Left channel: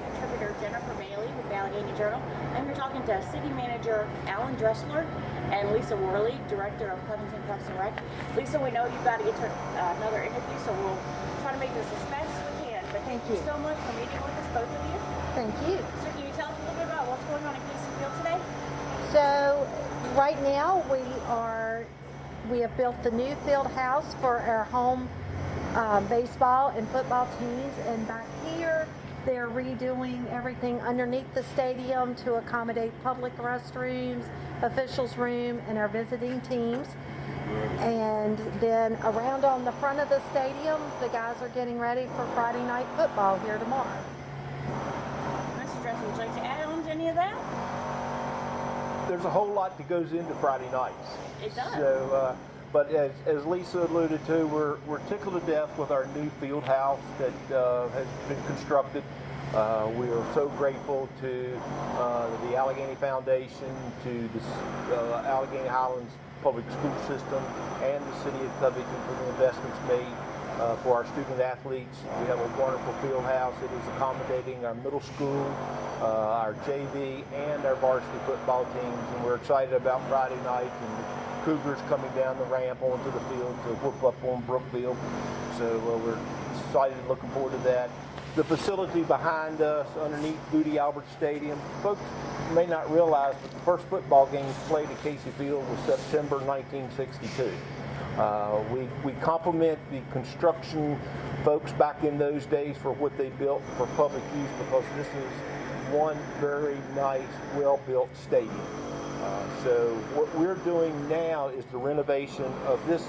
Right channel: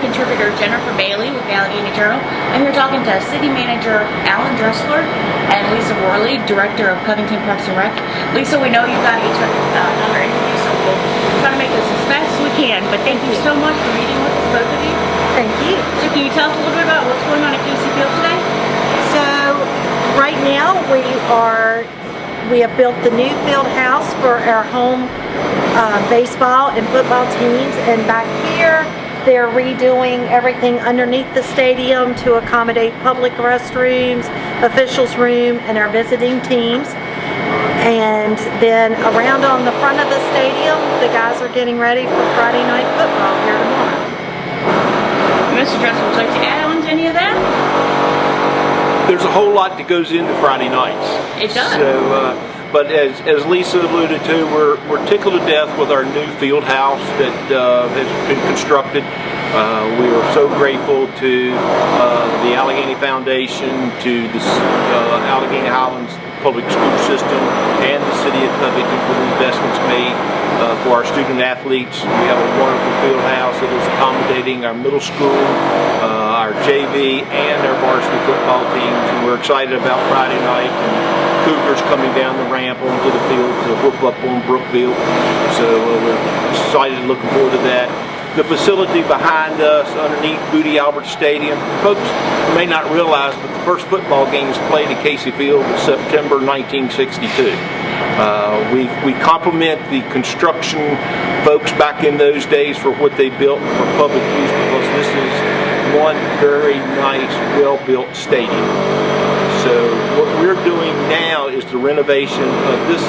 contributor Jennifer Bailey with the Alleghany Journal. I'm here talking to City Manager Dressler and Lisa Worley, Director of Covington Parks and Rec. Lisa, we know you've got another interview, so we'll try to make this as fast as we can. But thank you so much for meeting with us, both of you. Thank you. So can you tell us a little bit about what's going on at Casey Field today? So right now we have built the new field house for our home baseball and football teams, and back here they're redoing everything underneath the stadium to accommodate public restrooms, officials room, and our visiting teams. And then around on the front of the stadium, the guys are getting ready for Friday night football here tomorrow. Mr. Dressler, would you like to add on to any of that? There's a whole lot that goes into Friday nights. It does. So, but as Lisa alluded to, we're tickled to death with our new field house that has been constructed. We are so grateful to the Alleghany Foundation, to the Alleghany Highlands Public School System, and the City of Covington for the investments made for our student athletes. We have a wonderful field house that is accommodating our middle school, our JV, and our varsity football teams. And we're excited about Friday night and Cougars coming down the ramp onto the field to whoop up on Brookville. So we're excited, looking forward to that. The facility behind us, underneath Boodie Albert Stadium, folks may not realize, but the first football game was played at Casey Field in September 1962. We compliment the construction folks back in those days for what they built for public use, because this is one very nice, well-built stadium. So what we're doing now is the renovation of this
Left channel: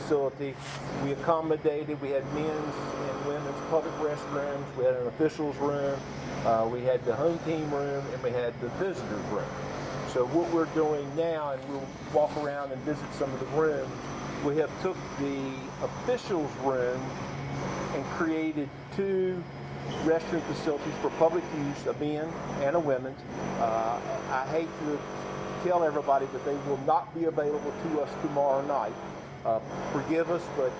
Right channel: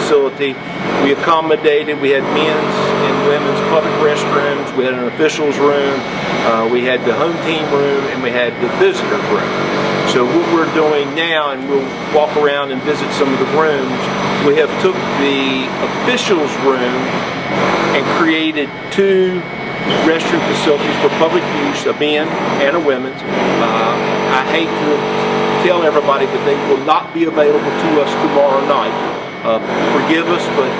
facility. We accommodated, we had men's and women's public restrooms, we had an officials room, we had the home team room, and we had the visitor room. So what we're doing now, and we'll walk around and visit some of the rooms, we have took the officials room and created two restroom facilities for public use, a men and a women's. I hate to tell everybody that they will not be available to us tomorrow night. Forgive us, but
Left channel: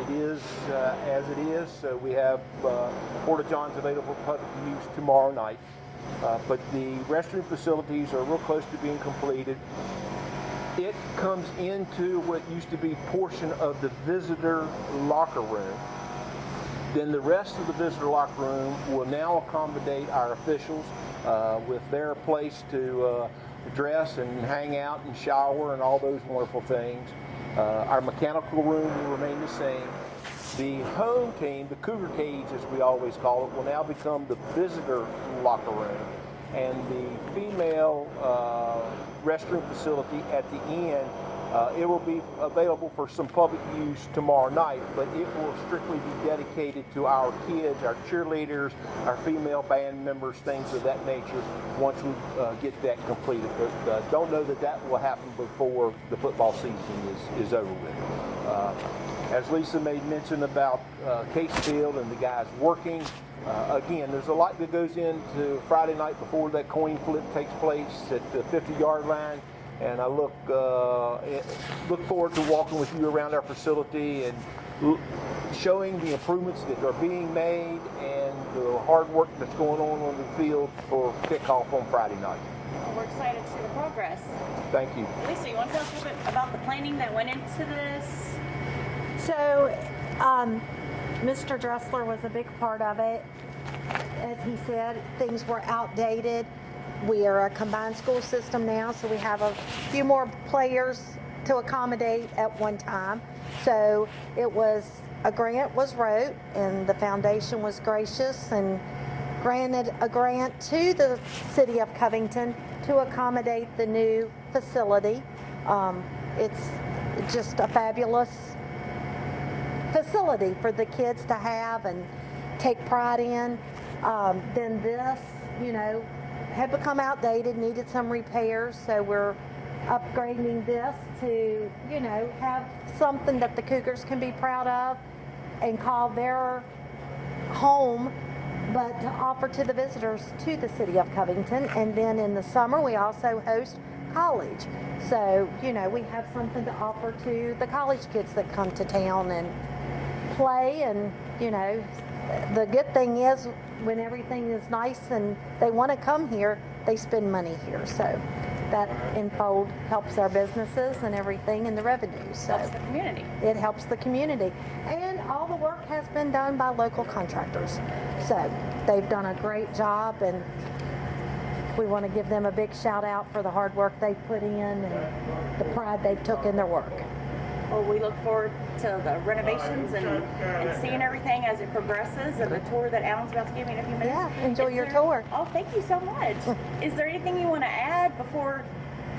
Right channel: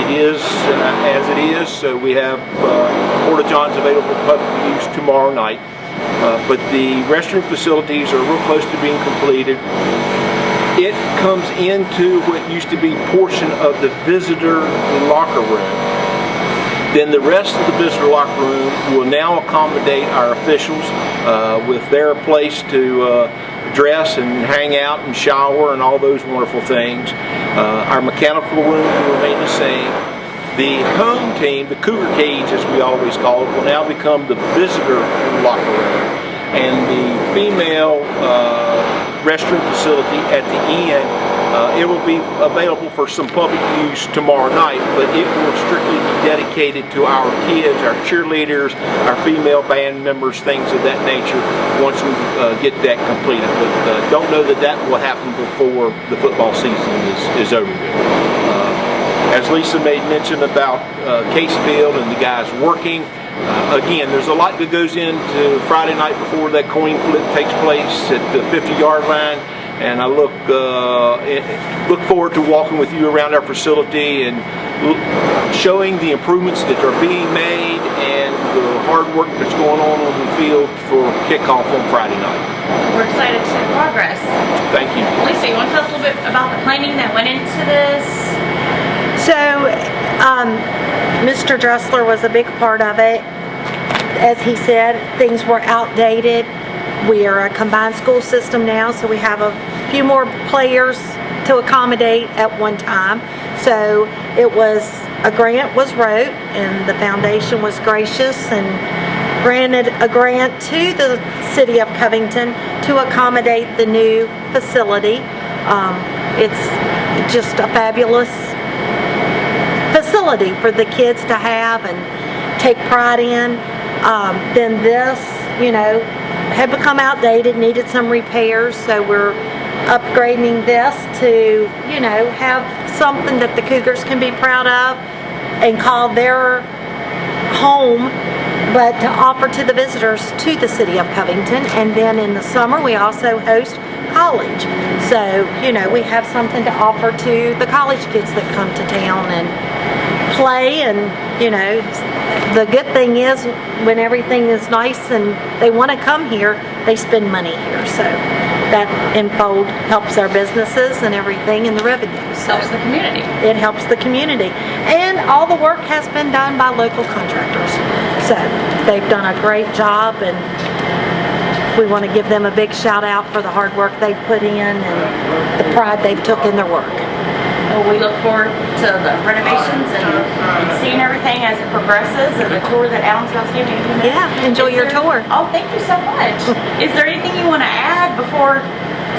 it is as it is. So we have Porta Johns available for public use tomorrow night. But the restroom facilities are real close to being completed. It comes into what used to be a portion of the visitor locker room. Then the rest of the visitor locker room will now accommodate our officials with their place to dress and hang out and shower and all those wonderful things. Our mechanical room will remain the same. The home team, the Cougar Cage as we always call it, will now become the visitor locker room. And the female restroom facility at the end, it will be available for some public use tomorrow night, but it will strictly be dedicated to our kids, our cheerleaders, our female band members, things of that nature, once we get that completed. But don't know that that will happen before the football season is over with. As Lisa made mention about Casey Field and the guys working, again, there's a lot that goes into Friday night before that coin flip takes place at the 50-yard line. And I look forward to walking with you around our facility and showing the improvements that are being made and the hard work that's going on the field for kickoff on Friday night. We're excited to see progress. Thank you. Lisa, you want to tell us a little bit about the planning that went into this? So Mr. Dressler was a big part of it. As he said, things were outdated. We are a combined school system now, so we have a few more players to accommodate at one time. So a grant was wrote, and the foundation was gracious and granted a grant to the City of Covington to accommodate the new facility. It's just a fabulous facility for the kids to have and take pride in. Then this, had become outdated, needed some repairs, so we're upgrading this to, have something that the Cougars can be proud of and call their home, but to offer to the visitors to the City of Covington. And then in the summer we also host college, so we have something to offer to the college kids that come to town and play and the good thing is when everything is nice and they want to come here, they spend money here. So that infold helps our businesses and everything in the revenue. So Helps the community. it helps the community. And all the work has been done by local contractors. So they've done a great job, and we want to give them a big shout out for the hard work they've put in and the pride they've took in their work. Well, we look forward to the renovations and seeing everything as it progresses, and the tour that Alan's about to give you. Yeah, enjoy your tour. Oh, thank you so much. Is there anything you want to add before,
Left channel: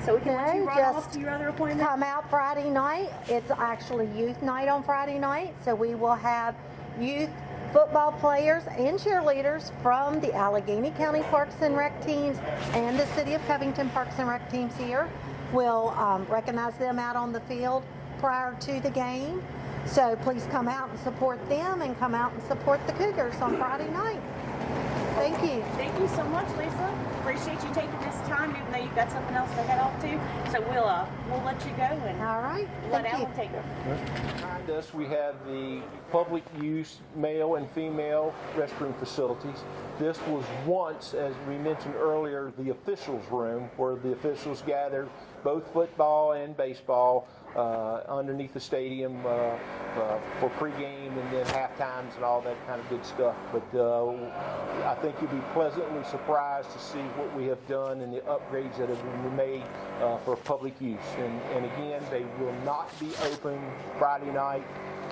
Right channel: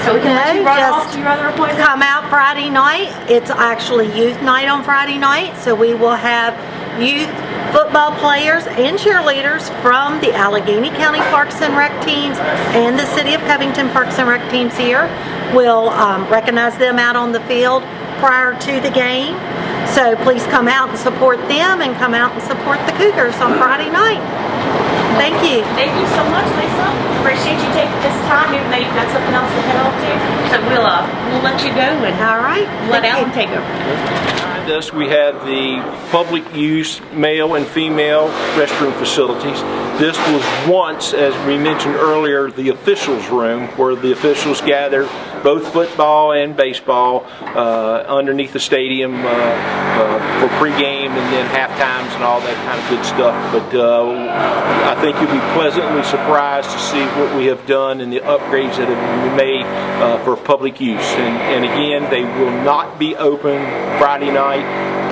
so we can let you run off to your other appointment? Come out Friday night. It's actually youth night on Friday night, so we will have youth football players and cheerleaders from the Alleghany County Parks and Rec teams and the City of Covington Parks and Rec teams here. We'll recognize them out on the field prior to the game. So please come out and support them, and come out and support the Cougars on Friday night. Thank you. Thank you so much, Lisa. Appreciate you taking this time, even though you've got something else to head off to. So we'll let you go and All right. let Thank you. Alan take over. Behind us, we have the public use male and female restroom facilities. This was once, as we mentioned earlier, the officials' room, where the officials gather both football and baseball underneath the stadium for pregame and then half times and all that kind of good stuff. But I think you'll be pleasantly surprised to see what we have done and the upgrades that have been made for public use. And again, they will not be open Friday night.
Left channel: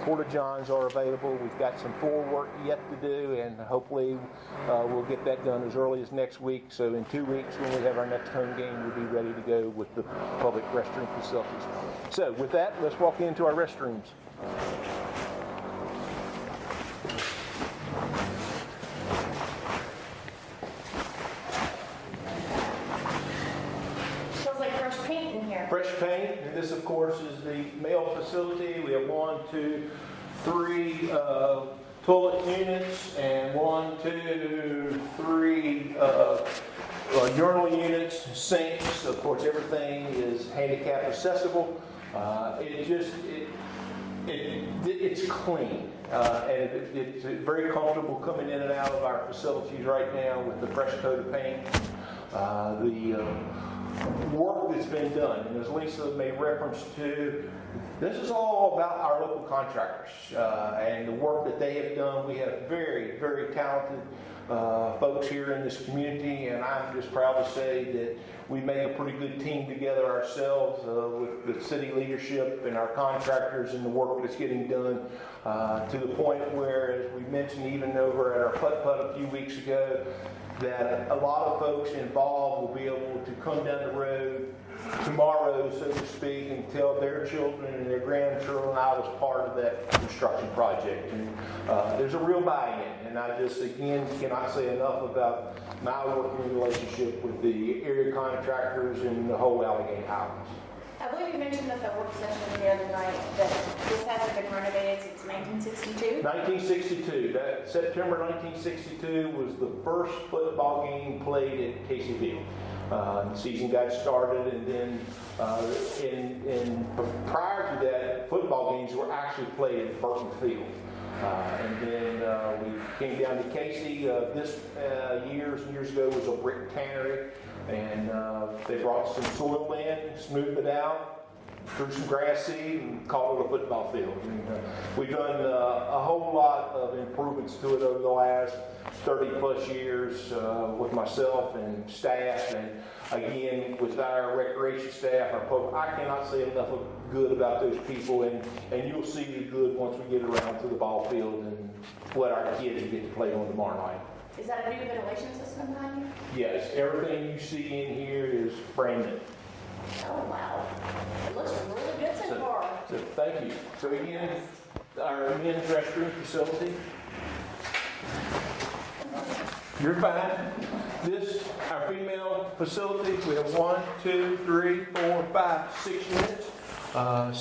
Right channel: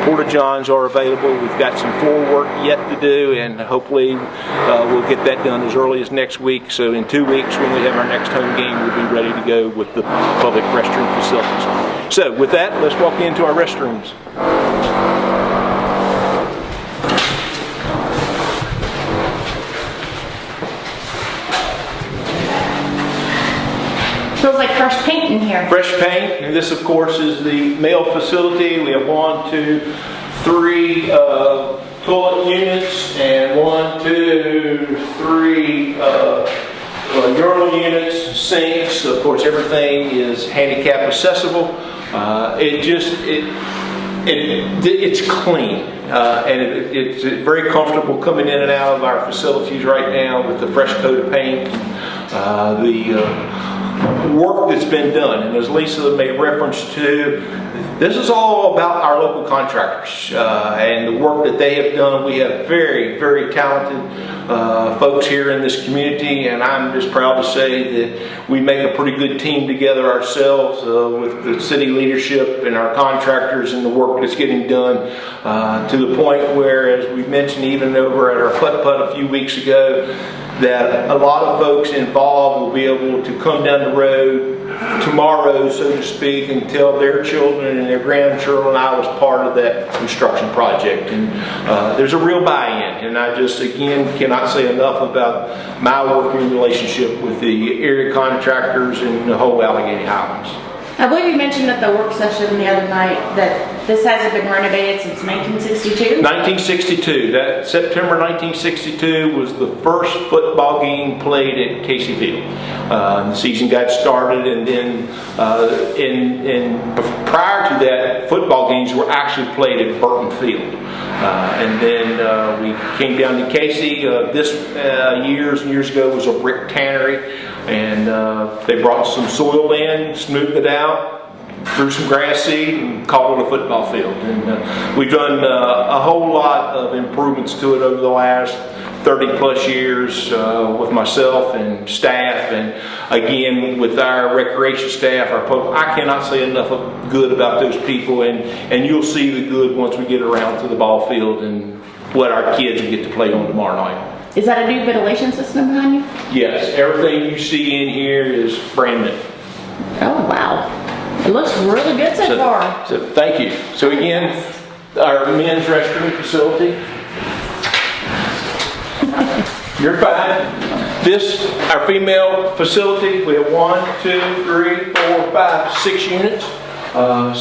Porta-johns are available. We've got some floor work yet to do, and hopefully we'll get that done as early as next week. So in 2 weeks, when we have our next home game, we'll be ready to go with the public restroom facilities. So with that, let's walk into our restrooms. Feels like fresh paint in here. Fresh paint, and this of course is the male facility. We have 1, 2, 3 toilet units and 1, 2, 3 urinal units, sinks. Of course, everything is handicap accessible. It's clean, and it's very comfortable coming in and out of our facilities right now with the fresh coat of paint. The work that's been done, and as Lisa made reference to, this is all about our local contractors and the work that they have done. We have very, very talented folks here in this community, and I'm just proud to say that we make a pretty good team together ourselves with the city leadership and our contractors and the work that's getting done to the point where, as we mentioned even over at our putt-putt a few weeks ago, that a lot of folks involved will be able to come down the road tomorrow, so to speak, and tell their children and their grandchildren I was part of that construction project. And there's a real buy-in, and I just, again, cannot say enough about my working relationship with the area contractors and the whole Alleghany Highlands. I believe you mentioned at the work session the other night that this hasn't been renovated since 1962. 1962. That September 1962 was the first football game played at Casey Field. The season got started, and then prior to that, football games were actually played at Burton Field. And then we came down to Casey. This years and years ago was a brick tannery, and they brought some soil in, smoothed it out, threw some grass seed, and called it a football field. And we've done a whole lot of improvements to it over the last 30 plus years with myself and staff, and again with our recreation staff, I cannot say enough of good about those people, and you'll see the good once we get around to the ball field and what our kids will get to play on tomorrow night. Is that a new ventilation system behind you? Yes, everything you see in here is brand new. Oh, wow. It looks really good so far. So thank you. So again, our men's restroom facility. You're fine. This, our female facility, we have 1, 2, 3, 4, 5, 6 units,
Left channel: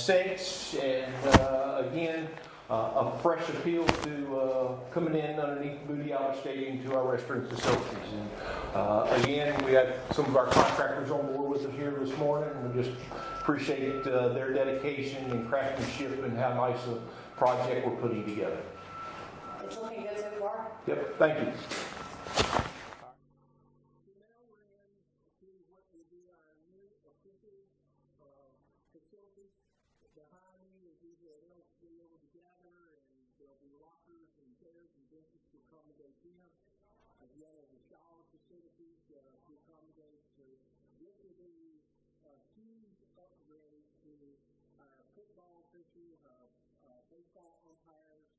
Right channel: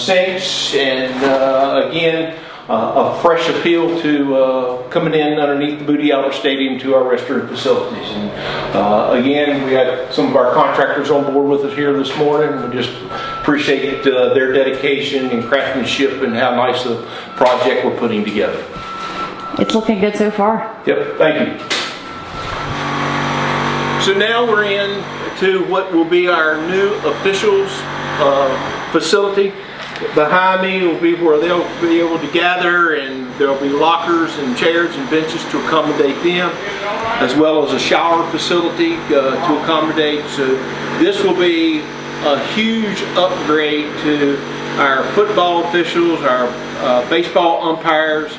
sinks, and again, a fresh appeal to coming in underneath the Boodie Albert Stadium to our restroom facilities. And again, we had some of our contractors on board with us here this morning. We just appreciate their dedication and craftsmanship and how nice a project we're putting together. It's looking good so far. Yep, thank you. So now we're in to what will be our new officials facility. Behind me will be where they'll be able to gather, and there'll be lockers and chairs and benches to accommodate them, as well as a shower facility to accommodate. So this will be a huge upgrade to our football officials, our baseball umpires,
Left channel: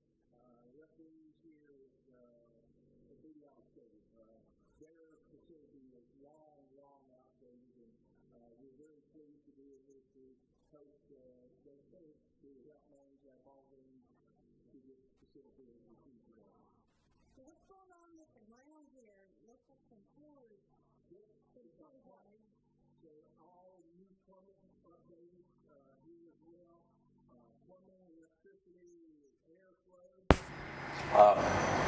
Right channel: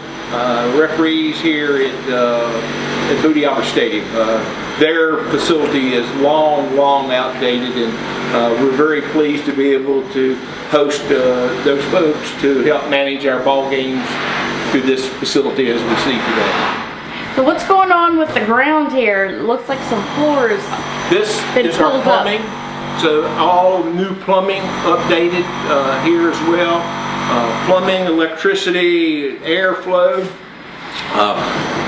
referees here at Boodie Albert Stadium. Their facility is long outdated, and we're very pleased to be able to host those folks to help manage our ball games through this facility as we see today. So what's going on with the ground here? It looks like some floors. This been is our pulled up. plumbing. So all new plumbing updated here as well. Plumbing, electricity, airflow.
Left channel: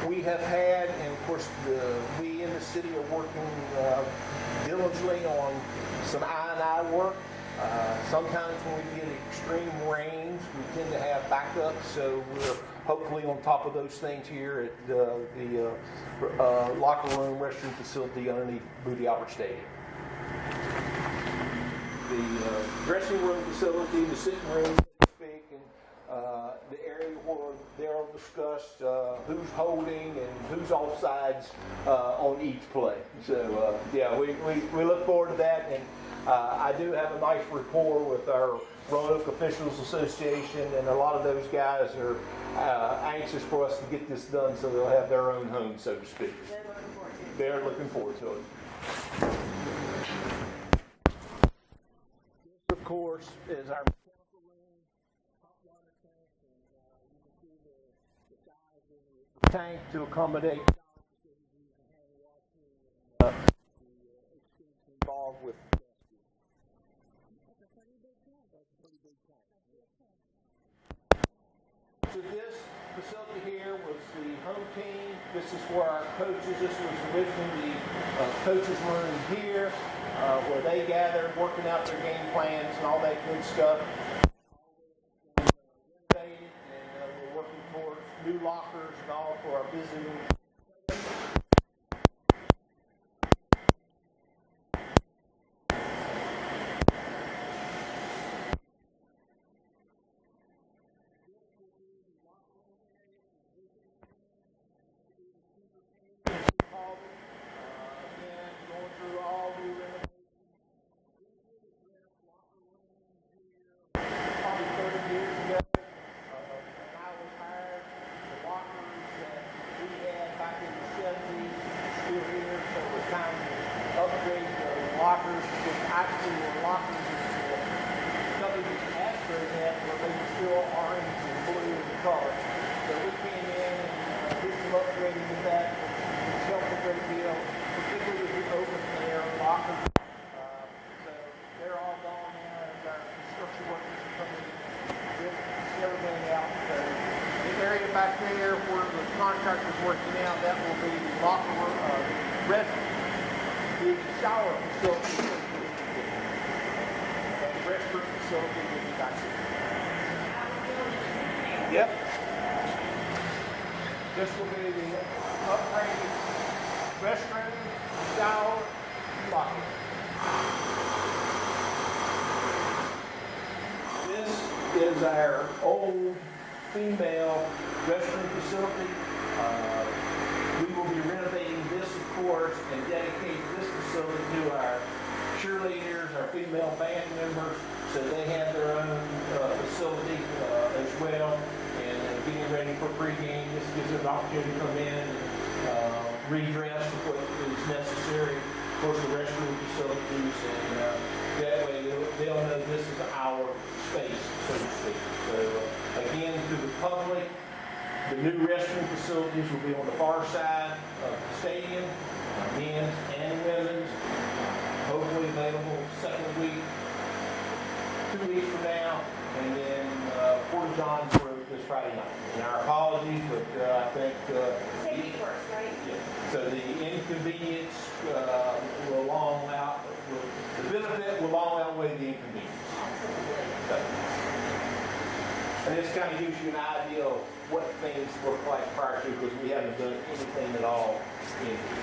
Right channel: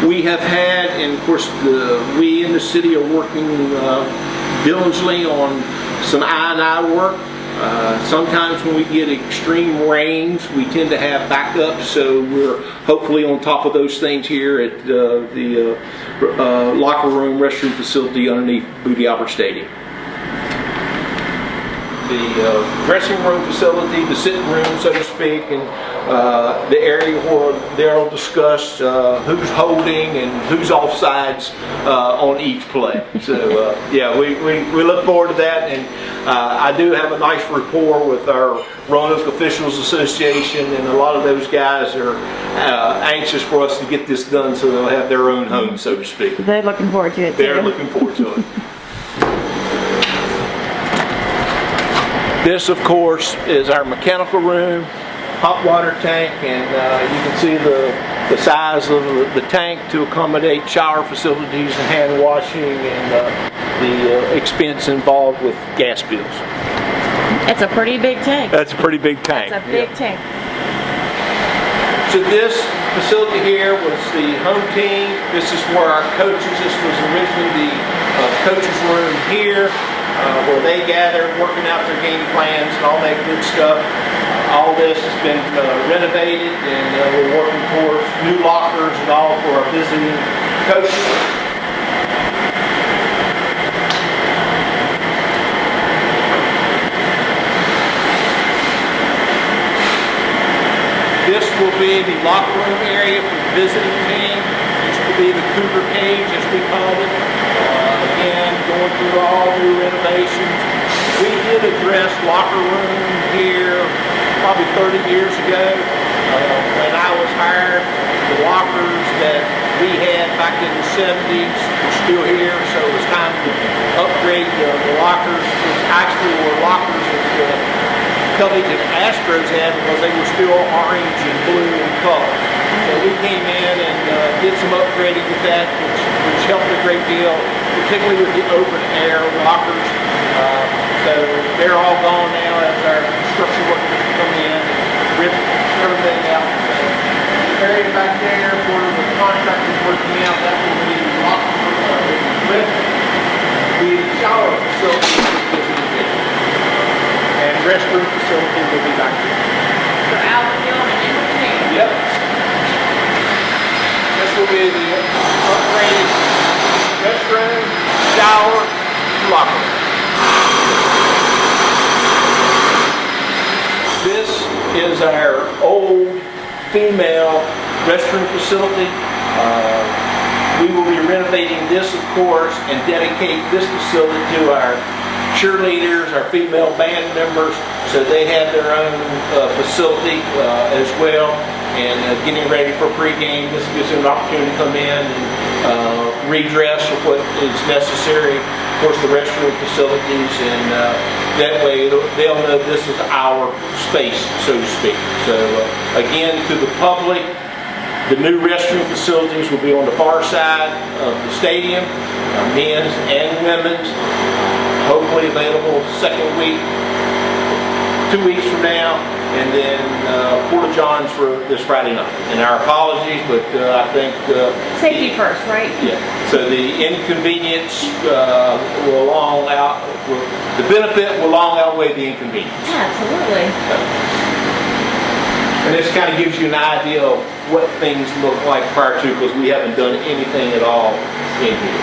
We have had, and of course we in the city are working diligently on some I&I work. Sometimes when we get extreme rains, we tend to have backups, so we're hopefully on top of those things here at the locker room, restroom facility underneath Boodie Albert Stadium. The dressing room facility, the sitting room, so to speak, and the area where they'll discuss who's holding and who's offsides on each play. So yeah, we look forward to that, and I do have a nice rapport with our Roanoke Officials Association, and a lot of those guys are anxious for us to get this done so they'll have their own home, so to speak. They're looking forward to it too. They're looking forward to it. This, of course, is our mechanical room, hot water tank, and you can see the size of the tank to accommodate shower facilities and hand washing, and the expense involved with gas bills. It's a pretty big tank. That's a pretty big tank. It's a big tank. So this facility here was the home team. This is where our coaches, this was originally the coaches room here, where they gather, working out their game plans and all that good stuff. All this has been renovated, and we're working towards new lockers and all for our visiting coaches. This will be the locker room area for the visiting team. This will be the Cougar Cage, as we call it. Again, going through all new renovations. We did address locker room here probably 30 years ago. When I was hired, the lockers that we had back in the 70s were still here, so it was time to upgrade the lockers, which actually were lockers that Covington Astros had because they were still orange and blue in color. So we came in and did some upgrading with that, which helped a great deal, particularly with the open air lockers. So they're all gone now as our construction workers come in and rip everything out. So the area back there where the contractor's working out, that will be locker room, the shower facility, and restroom facility will be back there. So Albert, you want an entertainment? Yep. This will be the upgraded restroom, shower, locker room. This is our old female restroom facility. We will be renovating this, of course, and dedicate this facility to our cheerleaders, our female band members, so they have their own facility as well. And getting ready for pregame, this gives them an opportunity to come in and redress with what is necessary. Of course, the restroom facilities, and that way they'll know this is our space, so to speak. So again, to the public, the new restroom facilities will be on the far side of the stadium, men's and women's. Hopefully available second week, 2 weeks from now, and then Porta Johns for this Friday night. And our apologies, but I think Safety first, right? yeah. So the inconvenience will the benefit will long outweigh the inconvenience. Yeah, absolutely. And this kind of gives you an idea of what things look like prior to, because we haven't done anything at all in here.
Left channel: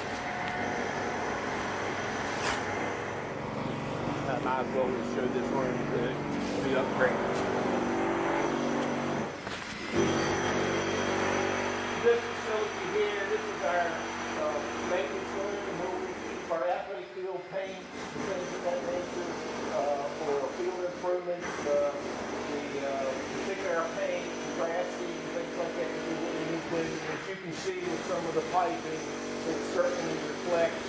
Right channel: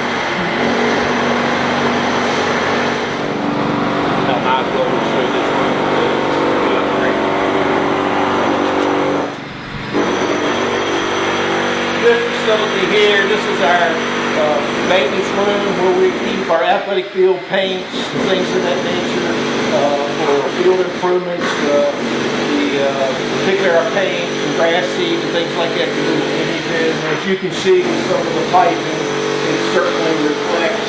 Now my goal is to show this room to upgrade. This facility here, this is our maintenance room where we keep our athletic field paints and things of that nature for field improvements. Particularly our paint and grass seeds and things like that to do images. And as you can see with some of the piping, it certainly reflects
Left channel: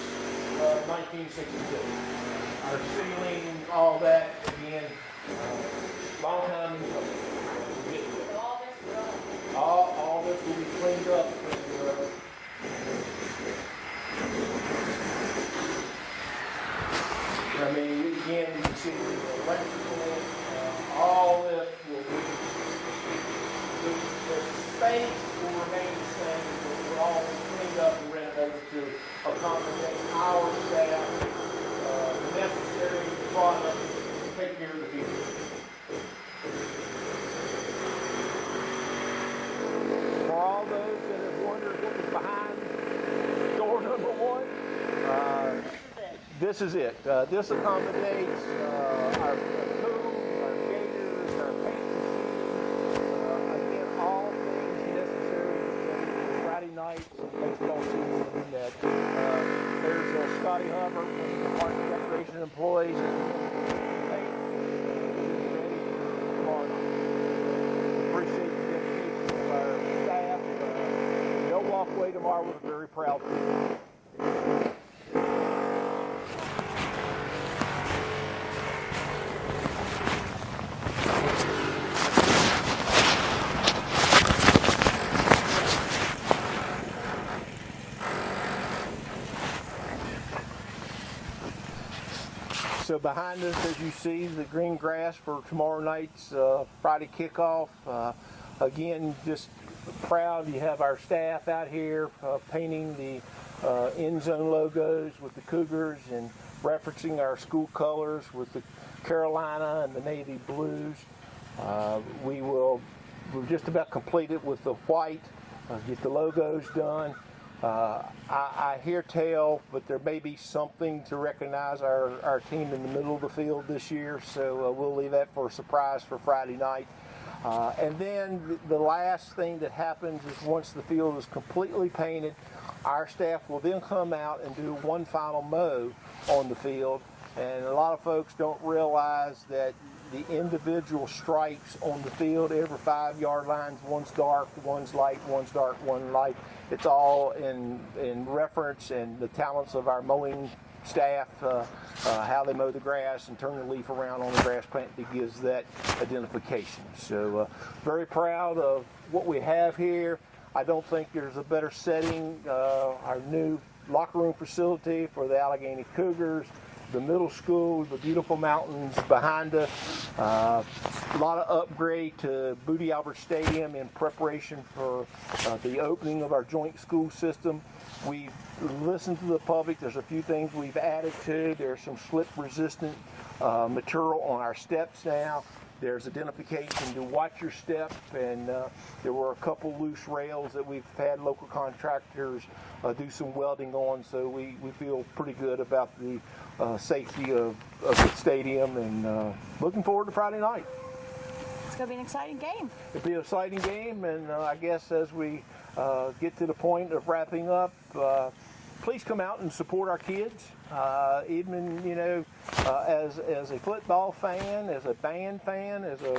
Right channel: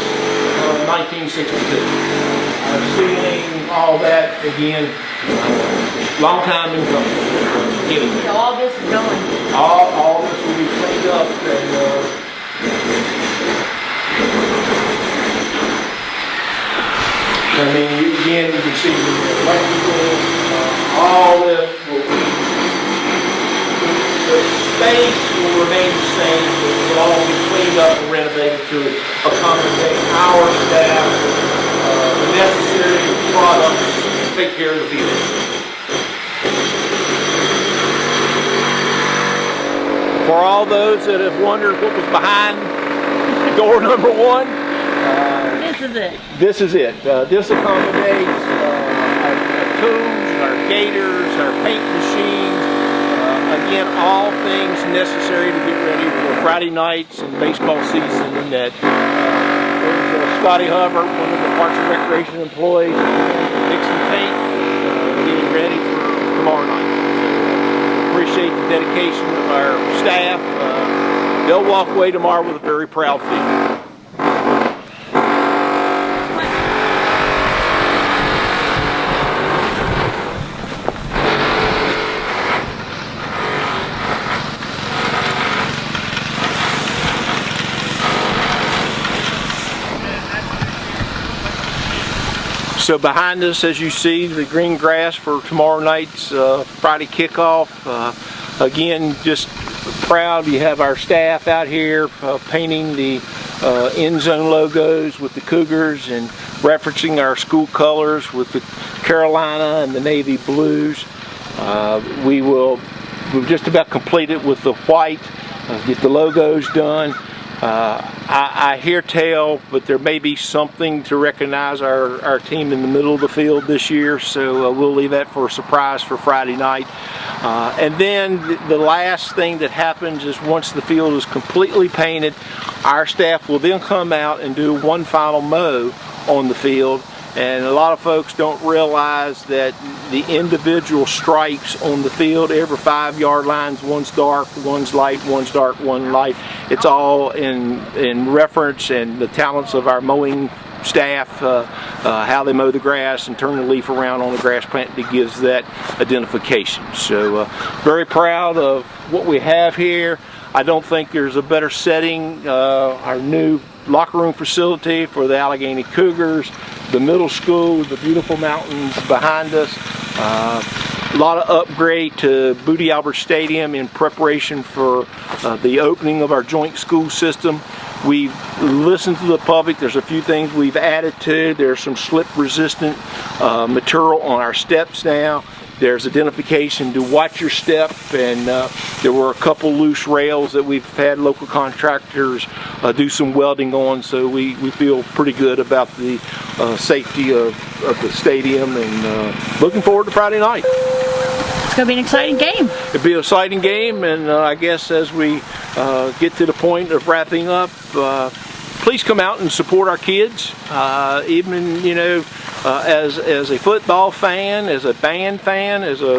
1962. Our ceiling, all that, again, long time in coming. So all this is going. All this will be cleaned up and I mean, again, you can see the electrical, all this will be, the space will remain the same, but it will all be cleaned up and renovated to accommodate our staff, the necessary products to take care of the field. For all those that have wondered what was behind door number 1, This is it. this is it. This accommodates our tools, our gators, our paint machines, again, all things necessary to get ready for Friday nights and baseball season. And that Scotty Hubbard, one of the Parks and Recreation employees, mixing paint, getting ready for tomorrow night. Appreciate the dedication of our staff. They'll walk away tomorrow with a very proud feeling. So behind us, as you see, the green grass for tomorrow night's Friday kickoff. Again, just proud you have our staff out here painting the end zone logos with the Cougars and referencing our school colors with the Carolina and the navy blues. We've just about completed with the white, get the logos done. I hear tell, but there may be something to recognize our team in the middle of the field this year, so we'll leave that for a surprise for Friday night. And then the last thing that happens is once the field is completely painted, our staff will then come out and do one final mow on the field. And a lot of folks don't realize that the individual stripes on the field, every 5-yard lines, one's dark, one's light, one's dark, one light. It's all in reference and the talents of our mowing staff, how they mow the grass and turn the leaf around on the grass plant that gives that identification. So very proud of what we have here. I don't think there's a better setting. Our new locker room facility for the Alleghany Cougars, the middle school, the beautiful mountains behind us. A lot of upgrade to Boodie Albert Stadium in preparation for the opening of our joint school system. We've listened to the public. There's a few things we've added to. There's some slip resistant material on our steps now. There's identification to watch your step, and there were a couple loose rails that we've had local contractors do some welding on, so we feel pretty good about the safety of the stadium, and looking forward to Friday night. It's going to be an exciting game. It'll be an exciting game, and I guess as we get to the point of wrapping up, please come out and support our kids. Even, you know, as a football fan, as a band fan, as a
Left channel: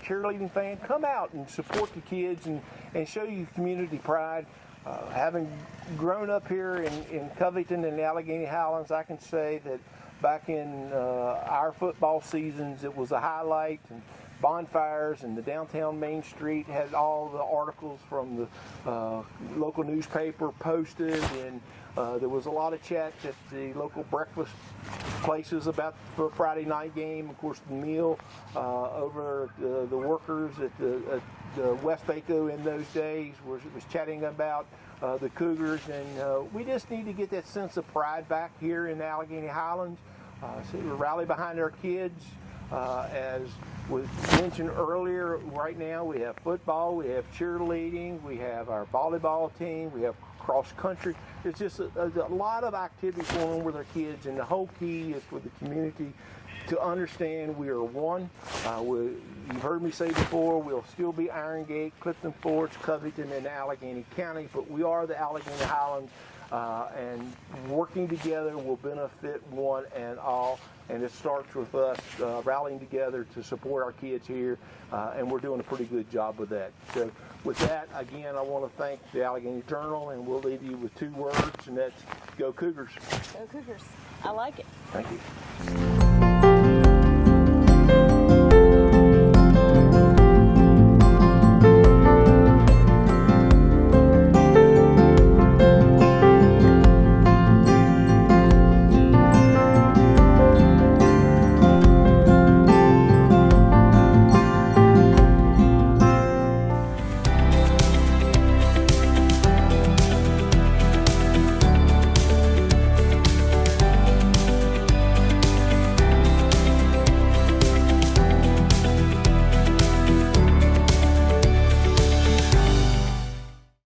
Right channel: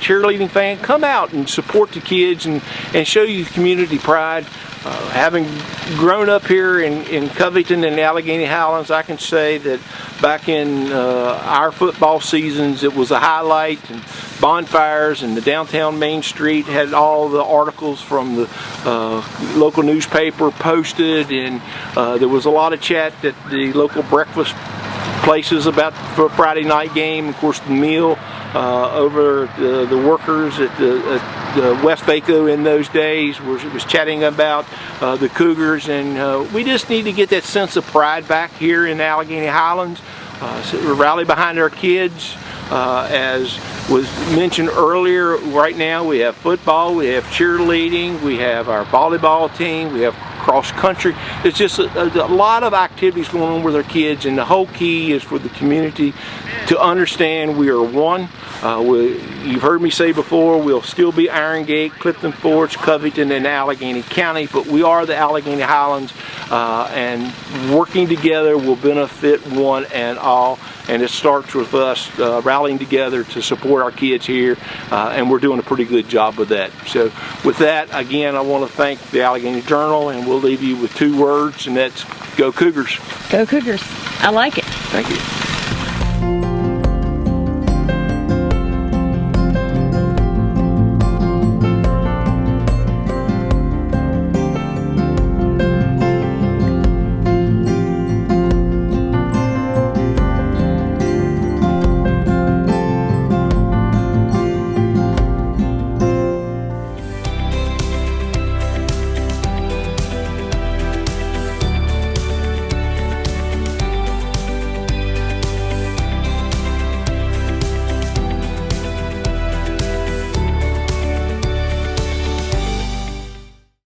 cheerleading fan, come out and support the kids and show you community pride. Having grown up here in Covington and the Alleghany Highlands, I can say that back in our football seasons, it was a highlight, and bonfires, and the downtown Main Street had all the articles from the local newspaper posted, and there was a lot of chat at the local breakfast places about for Friday night game. Of course, the meal over the workers at the West Baco in those days was chatting about the Cougars, and we just need to get that sense of pride back here in the Alleghany Highlands. So rally behind our kids. As was mentioned earlier, right now we have football, we have cheerleading, we have our volleyball team, we have cross country. It's just a lot of activities going on with our kids, and the whole key is for the community to understand we are one. You've heard me say before, we'll still be Iron Gate, Clifton Forge, Covington, and Alleghany County, but we are the Alleghany Highlands, and working together will benefit one and all. And it starts with us rallying together to support our kids here, and we're doing a pretty good job with that. So with that, again, I want to thank the Alleghany Journal, and we'll leave you with 2 words, and that's go Cougars. Go Cougars. I like it. Thank you.